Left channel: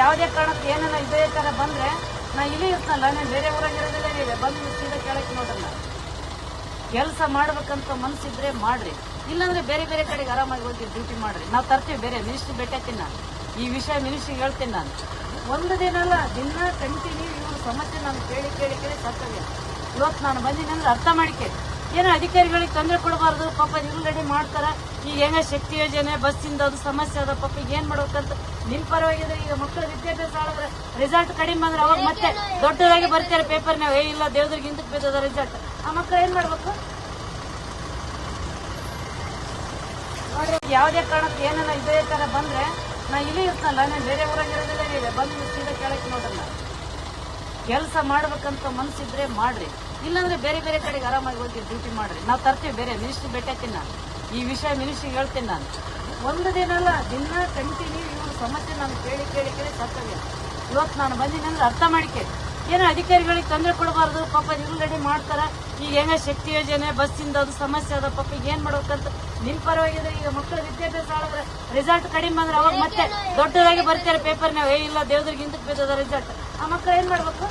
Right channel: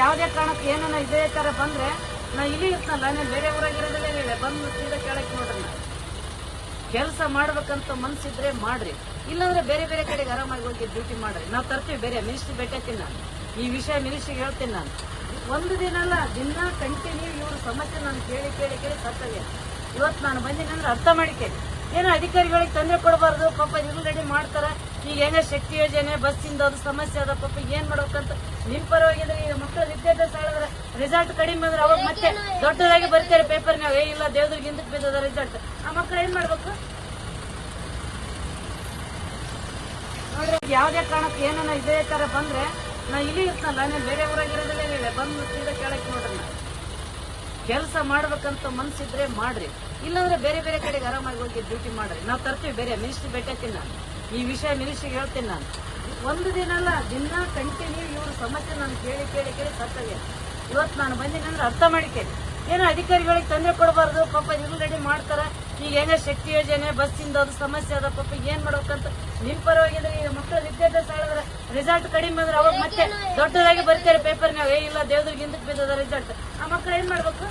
ಯಾವುದೇ ಕಾರಣಕ್ಕೆ ಏನನ್ನ ಇದೇ ತರ ಬಂದ್ರೆ ನಾ ಇಲ್ಲಿ ಇರ್ತನಲ್ಲ, ನೀವು ಬೇರೆ ಊರಾಗಿರೋದಿಲ್ಲ, ಬಂದು ಸೀದಾ ಕೇಳಕ್ಕೆ ನೋಡ್ರಲ್ಲ. ಕೆಲಸ ಮಾಡ್ಬೇಕಂತ ಮನ್ಸಿದ್ರೆ ಮಾಡ್ರಿ, ಇಲ್ಲಾಂದ್ರೆ ಬೇರೆ ಬೇರೆ ಕಡೆಗೆ ಆರಾಮಾಗಿ ಹೋಗಿ ಡ್ಯೂಟಿ ಮಾಡ್ರಿ. ನಾವು ತರ್ತೀವಿ, ಬೇರೆ ಮಿನಿಸ್ಟ್ರಿ ಭೇಟಿಯಾಗ್ತೀನಿ ನಾನು, ಈ ವಿಷಯ ಮಿನಿಸ್ಟ್ರಿಗೆ ಹೇಳ್ತೀನಿ ನಾನು. ಒಂದು ದಿನ ಅಲ್ಲ, ದಿನ ಕಂಟಿನ್ಯೂ ಇವ್ರ ಸಮಸ್ಯೆ ನಾನು ಕೇಳಿ ಕೇಳಿ ಕೇಳಿ ಸಾಕ್ತದೆ. ಇವತ್ತು ನಾನು ಬಂದಿನಂದ್ರೆ ಅರ್ಥ ಮಾಡಿಕೇಳಿ, ಏನೋ ಅಧಿಕಾರಿಗಳಿಗೆ ತೊಂದರೆ ಕೊಡಬಾರ್ದು. ಪಾಪ ರೆಡಿ ಮಾಡ್ತಾರ. ಈಗ ಹೆಂಗ ಶಕ್ತಿ ಯೋಜನೆ ಬಸ್ಸಿಂದ ಅದು ಸಮಸ್ಯೆ ಅದ, ಪಾಪ ಏನ್ ಮಾಡ್ಬೇಕಂತ ನಿನ್ ಪರವಾಗಿದ್ರೆ. ಈಗ ಮಕ್ಕಳ ವಿದ್ಯಾಭ್ಯಾಸ ಮಾಡಿದ್ರೆ ರಿಸಲ್ಟ್ ಕಡಿಮೆ ಬಂದ್ರೆ ಅವಾಗ ಮತ್ತೆ ದೊಡ್ಡದಾಗಿ ಬರ್ತಾರೆ ಪೇಪರ್ ನಾವು, ಇಲ್ಲ ದೇವ್ರಿಗೆ ಹಿಂದಕ್ಕೆ ಬಿದ್ದದ ರಿಸಲ್ಟ್. ಆ ಮಕ್ಕಳು ಏನ್ ಮಾಡ್ಬೇಕು? ಯಾವುದೇ ಕಾರಣಕ್ಕೆ ಏನನ್ನ ಇದೇ ತರ ಬಂದ್ರೆ ನಾ ಇಲ್ಲಿ ಇರ್ತನಲ್ಲ, ನೀವು ಬೇರೆ ಊರಾಗಿರೋದಿಲ್ಲ, ಬಂದು ಸೀದಾ ಕೇಳಕ್ಕೆ ನೋಡ್ರಲ್ಲ. ಕೆಲಸ ಮಾಡ್ಬೇಕಂತ ಮನ್ಸಿದ್ರೆ ಮಾಡ್ರಿ, ಇಲ್ಲಾಂದ್ರೆ ಬೇರೆ ಬೇರೆ ಕಡೆಗೆ ಆರಾಮಾಗಿ ಹೋಗಿ ಡ್ಯೂಟಿ ಮಾಡ್ರಿ. ನಾವು ತರ್ತೀವಿ, ಬೇರೆ ಮಿನಿಸ್ಟ್ರಿ ಭೇಟಿಯಾಗ್ತೀನಿ ನಾನು, ಈ ವಿಷಯ ಮಿನಿಸ್ಟ್ರಿಗೆ ಹೇಳ್ತೀನಿ ನಾನು. ಒಂದು ದಿನ ಅಲ್ಲ, ದಿನ ಕಂಟಿನ್ಯೂ ಇವ್ರ ಸಮಸ್ಯೆ ನಾನು ಕೇಳಿ ಕೇಳಿ ಕೇಳಿ ಸಾಕ್ತದೆ. ಇವತ್ತು ನಾನು ಬಂದಿನಂದ್ರೆ ಅರ್ಥ ಮಾಡಿಕೇಳಿ, ಏನೋ ಅಧಿಕಾರಿಗಳಿಗೆ ತೊಂದರೆ ಕೊಡಬಾರ್ದು. ಪಾಪ ರೆಡಿ ಮಾಡ್ತಾರ. ಈಗ ಹೆಂಗ ಶಕ್ತಿ ಯೋಜನೆ ಬಸ್ಸಿಂದ ಅದು ಸಮಸ್ಯೆ ಅದ, ಪಾಪ ಏನ್ ಮಾಡ್ಬೇಕಂತ ನಿನ್ ಪರವಾಗಿದ್ರೆ. ಈಗ ಮಕ್ಕಳ ವಿದ್ಯಾಭ್ಯಾಸ ಮಾಡಿದ್ರೆ ರಿಸಲ್ಟ್ ಕಡಿಮೆ ಬಂದ್ರೆ ಅವಾಗ ಮತ್ತೆ ದೊಡ್ಡದಾಗಿ ಬರ್ತಾರೆ ಪೇಪರ್ ನಾವು, ಇಲ್ಲ ದೇವ್ರಿಗೆ ಹಿಂದಕ್ಕೆ ಬಿದ್ದದ ರಿಸಲ್ಟ್. ಆ ಮಕ್ಕಳು ಏನ್ ಮಾಡ್ಬೇಕು?